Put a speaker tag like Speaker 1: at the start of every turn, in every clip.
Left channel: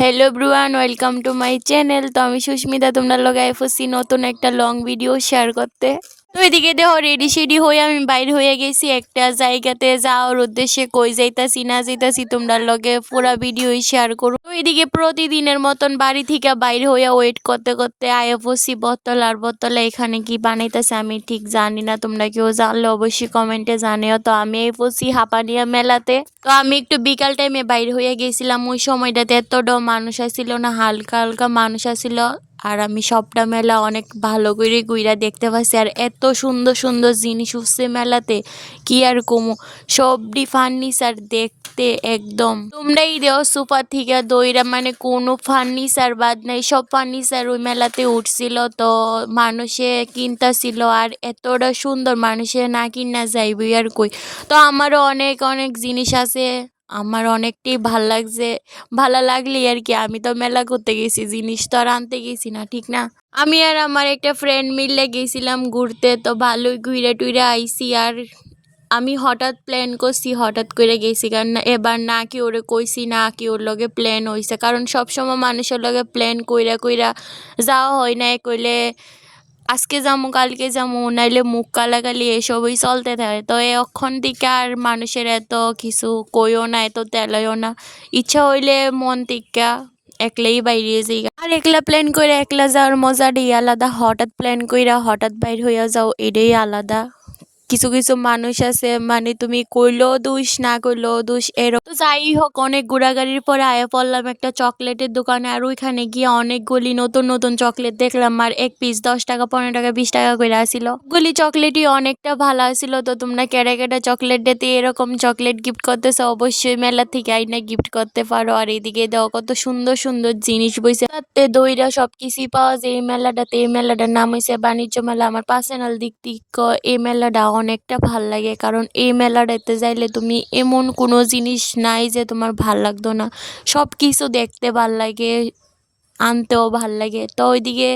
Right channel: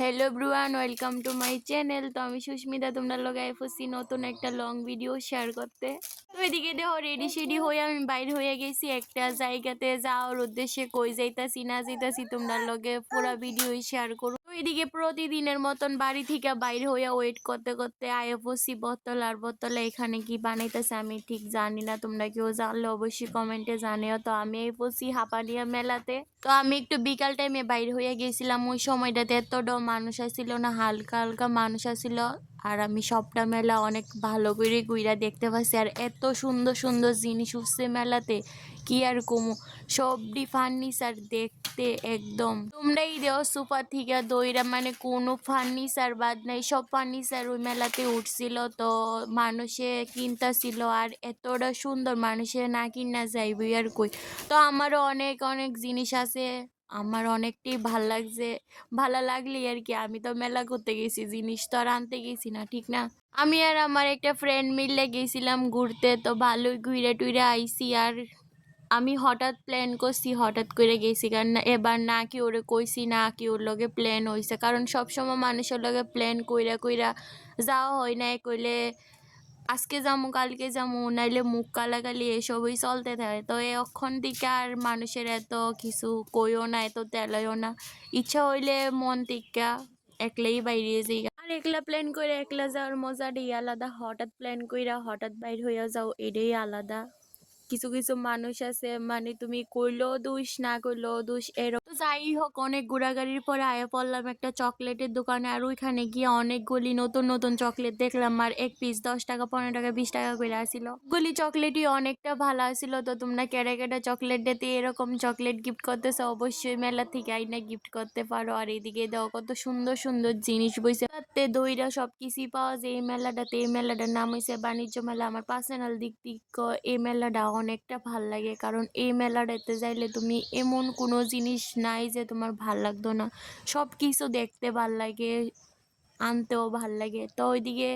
Speaker 1: Hello ব্রুয়ান welcome to my channel তো আমি সুস্মিতা, তোমরা লগে এফসি নতুন একটা লং ভিডিও শেয়ার করতে তো এদিকে দেখো রেডি শেডি হয়ে আমি বাইর হয়ে গেছি একটা জায়গাতে। যাওয়ার উদ্দেশ্যে কই যাইতাছি, না যাইতাছি তোমরা লগে পুরা ভিডিও শেয়ার করো তো এদিকে প্রতিদিনের মতন বাড়ি থেকে বাইর হয়ে ওয়েট করতে করতে আইএফসি বোতল আর বোতলে এখানে কি বানাইতেছে আমি ঠিক জানি না, তোমরা কেউ জানলে অবশ্যই কমেন্টে জানিও। তো আমি এফসি হাঁপানিয়া মেলাতে। তো আমি একটু বিকাল টাইমে বাইর হয়ে গেছিলাম, ওই সময়টাতে এতটাও মানুষ আসছিল না, হালকা হালকা মানুষ আসছিল আর আমি সবটা মেলা অনেক ভালো করে গুইরা দেখতে পাচ্ছি। আর এত সুন্দর সুন্দর জিনিস উঠছে মেলাতে, কি আর কমু? সবটি ফার্নিচার দেখতে একদম। তোমরাই দেও সুপার থেকে দইরা মানে কোনো ফার্নিচার বাদ নাই, সব ফার্নিচার ওই মেলাতে উঠছিল তো মানুষে কিনতাছিল আর এতটা সুন্দর মানুষে না কিনা যাইবই আর কই। তো আমারও অনেক অনেক জিনিস আছে। আমার অনেকটাই ভালো লাগছে, ভালো লাগলে আর কি আমি তো মেলা করতে গেছি, জিনিস তো আর আনতে গেছি না, ঠিক না? আমি আর আমার একটা ফ্রেন্ড মিলে গেছিলাম ঘুরতে, তো ভালোই ঘুরে টুইরে আইছি আর আমি হঠাৎ প্ল্যান করছি, হঠাৎ করে গেছি কারণ এবার না কি ওরে কইছি, না কি ওর লগে প্ল্যান হইছে, কারণ সবসময় মানুষের লগে প্ল্যান কইরা কইরা যাওয়া হয় না, কইলে আজকে যাব কালকে যাব নাইলে মুখ কালাকালি এসবই চলতে থাকে। তো এখন থেকে আর মানুষের এত কিছু কইও না, এত তেলও না। ইচ্ছা হইলে মন টিকা একলাই বাইরে যাই। আর একলা প্ল্যান করে একলা যাওয়ার মজাটাই আলাদা। হঠাৎ প্ল্যান কইরা হঠাৎ বাইর হইয়া যাও, এটাই আলাদা। কিছু কিছু মানুষ আছে মানে তুমি কইলেও দুষ, না কইলেও দুষ, এরকম। তো যাই হোক অনেক ঘোরাঘুরির পরে আয়া পড়লাম একটা চকলেটের দোকানে, আর ওইখানে গিয়ে অনেকগুলি নতুন নতুন চকলেট দেখলাম, আর এক পিস দশ টাকা, পনেরো টাকা, বিশ টাকা করে আসিল। গুলি চকলেটই অনেকটা ভালো আসিল, তো তোমরা কেটে কেটে চকলেট দিতে এরকম চকলেট গিফট করতেছো, অবশ্যই মেলা থেকে আইনা গিফট করতে পারো, আর এইদিকে দাও কত সুন্দর সুন্দর জিনিস বইছে। তাতে দইরা সব কিছুই পাওয়া যায়, এই মেলাটাতে, এই মেলাটার নাম হয়েছে বাণিজ্য মেলা, আমার পার্সোনাল দিক দিক এই মেলাটা অনেকটা ভালো লাগে। কারণ এই মেলাটাতে যাইলে তুমি এমন কোনো জিনিস নাই যে তোমার ভালো লাগতো না। সব কিছু দেখতে ভালো লাগে, আনতেও ভালো লাগে। তো ওইদিকে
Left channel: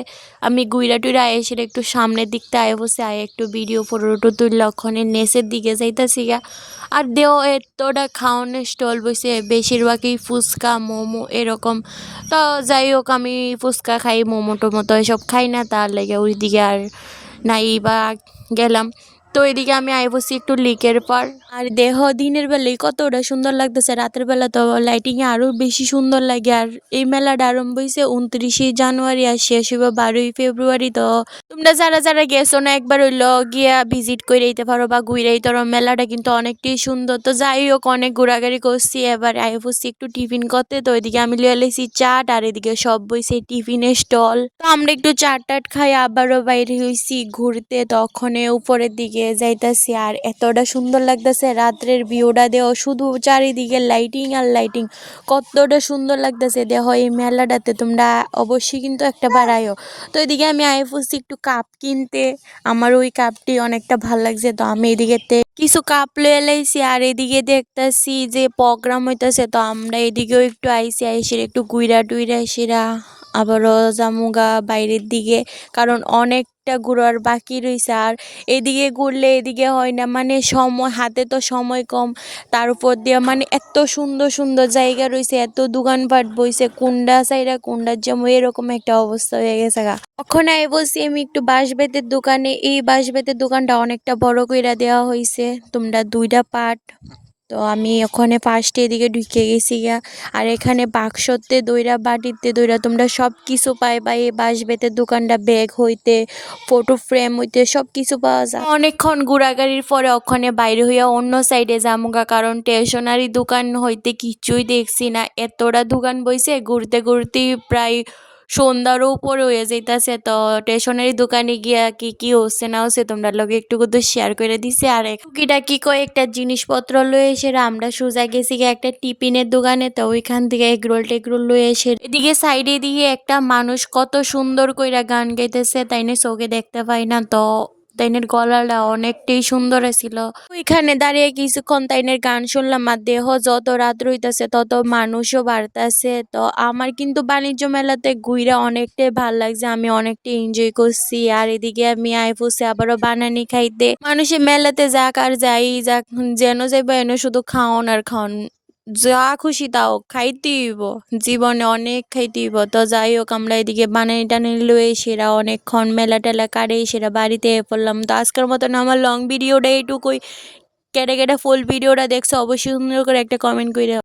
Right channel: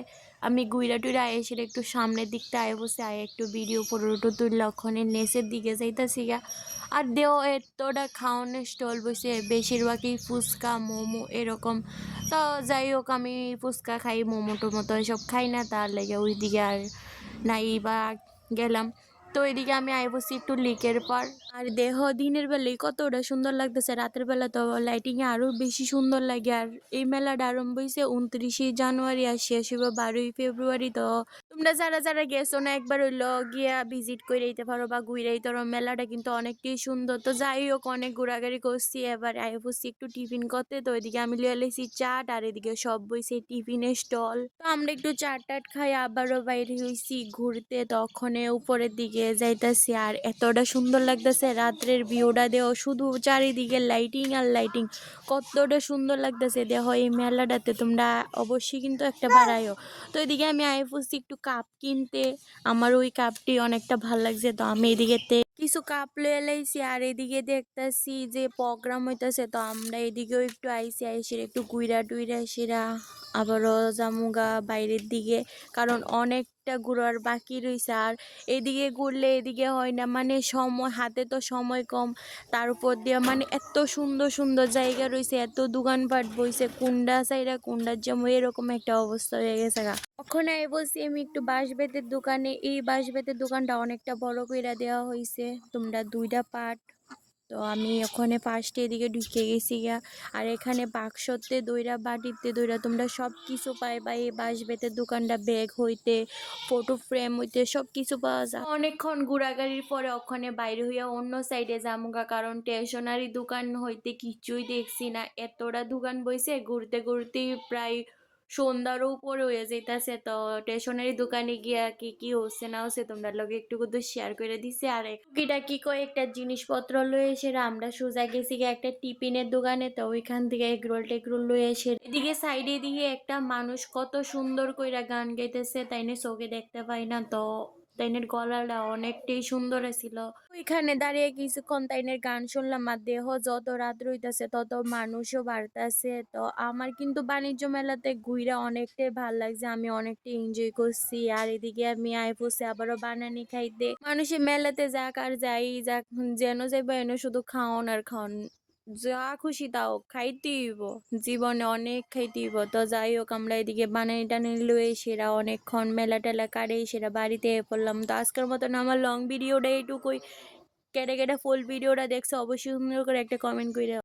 Speaker 1: আমি গুইরা টুইরা এসে একটু সামনের দিকটা আয় বসে আয় একটু ভিডিও ফটো তুললে ওখানে নেচের দিকে যাইতাছি গা। আর দেও এতটা খাওয়ানোর স্টল বসে, বেশিরভাগই ফুচকা, মোমো এরকম। তো যাই হোক, আমি ফুচকা খাই মোমো টোমো তো এসব খাই না, তার লেগে ওইদিকে আর নাই বা গেলাম। তো এদিকে আমি আইবসি একটু লিকের পর। আর দেহ দিনের বেলায় কতটা সুন্দর লাগতেছে, রাতের বেলা তো লাইটিংয়ে আরও বেশি সুন্দর লাগে। আর এই মেলাটা আরম্ভ হয়েছে উনত্রিশে জানুয়ারি আর শেষ হইব বারোই ফেব্রুয়ারি। তো তোমরা যারা যারা গেছো না, একবার হইল গিয়া ভিজিট করে দিতে পারো বা ঘুরে দিতে পারো। মেলাটা কিন্তু অনেকটাই সুন্দর। তো যাই হোক, অনেক ঘোরাঘুরি করছি। এবার আই বসছি একটু টিফিন করতে। তো ওইদিকে আমি লিয়ে লেছি চাট আর এদিকে সব বইছে টিফিনের স্টল তো আমরা একটু চাট টাট খাই, আবারও বাইরে হয়েছি ঘুরতে। তখন উপরের দিকে যাইতাছি আর এতটা সুন্দর লাগতেছে। রাত্রের ভিউটা দেহ শুধু চারিদিকে লাইটিং আর লাইটিং কতটা সুন্দর লাগতেছে। দেহ এই মেলাটাতে তোমরা অবশ্যই কিন্তু একটা বাড়াইও তো এদিকে আমি বসছি একটু কাপ কিনতে। আমার ওই কাপটি অনেকটা ভালো লাগছে। তো আমি এদিকে কিছু কাপ লয়ে লাইছি। আর এদিকে দেখতেছি যে প্রোগ্রাম হইতেছে। তো আমরা এদিকেও একটু আইসি আইসির একটু গুইরা টুইরা সেরা। আবারও জামুগা বাইরের দিকে। কারণ অনেকটা ঘুরার বাকি রয়েছে আর এদিকে ঘুরলে এদিকে হয় না মানে সময়, হাতে তো সময় কম। তার উপর দিয়ে মানে এত সুন্দর সুন্দর জায়গা রয়েছে এত দোকানপাট বইছে, কুন্ডা সাইডা কুন্ডার জন্য এরকম একটা অবস্থা হয়ে গেছে গা। ওখানে আই বলছি আমি একটু বাঁশ বেতের দোকানে, এই বাঁশ বেতের দোকানটা অনেকটা বড় কইরা দেওয়া হয়েছে তোমরা দুইটা পার্ট তো আমি ওখানে ফার্স্টে এদিকে ঢুকে গেছি গা আর এখানে বাক্সতে দইরা, বাটিতে দইরা তোমরা সব কিছু পাইবা এই বাঁশ বেতের দোকানটা ব্যাগ হইতে ফটো ফ্রেম হইতে সব কিছু পাওয়া যায়। অনেকক্ষণ ঘোরাঘুরির পরে ওখানে বাইরে হইয়া অন্য সাইডে যামুগা, কারণ স্টেশনারি দোকান হইতে কিছুই দেখছি না। এতটা দোকান বইছে, ঘুরতে ঘুরতেই প্রায় সন্ধ্যারও উপরে হয়ে যাইতাছে। তো স্টেশনারি দোকানে গিয়া কি কি হচ্ছে না হচ্ছে তোমরা লগে একটু কিন্তু শেয়ার করে দিছে। আর টুকিটা কি কয়েকটা জিনিসপত্র লয়ে এসে আমরা সোজা গেছি গিয়ে একটা টিফিনের দোকানে। তো ওইখান থেকে এগরোল টেগরোল লয়ে এসে এদিকে সাইডে দিয়ে একটা মানুষ কত সুন্দর কইরা গান গাইতেছে, তাই না চোখে দেখতে পাই না। তো তাইনের গলাটা অনেকটাই সুন্দর ছিল ওইখানে দাঁড়িয়ে কিছুক্ষণ তাইনের গান শুনলাম আর দেহ যত রাত রইতেছে, তত মানুষও বাড়তেছে। তো আমার কিন্তু বাণিজ্য মেলাতে ঘুরে অনেকটাই ভালো লাগছে, আমি অনেকটাই এনজয় করছি। আর এদিকে আমি আই ফুসে আবারও বানানি খাইতে। মানুষে মেলাতে যাক আর যাই যাক, যেন যাইব এনে শুধু খাওন আর খাওন। যা খুশি তাও খাইতে হইব। জীবনে অনেক খাইতে হইব। তো যাই হোক, আমরা এদিকে বানানি টানানি লয়ে সেরা অনেকক্ষণ মেলা টেলা কাটে সেরা বাড়িতে পড়লাম। তো আজকের মতন আমার লং ভিডিওটা এইটুকুই। কেটে কেটে ফুল ভিডিওটা দেখছ, অবশ্যই সুন্দর করে একটা কমেন্ট করে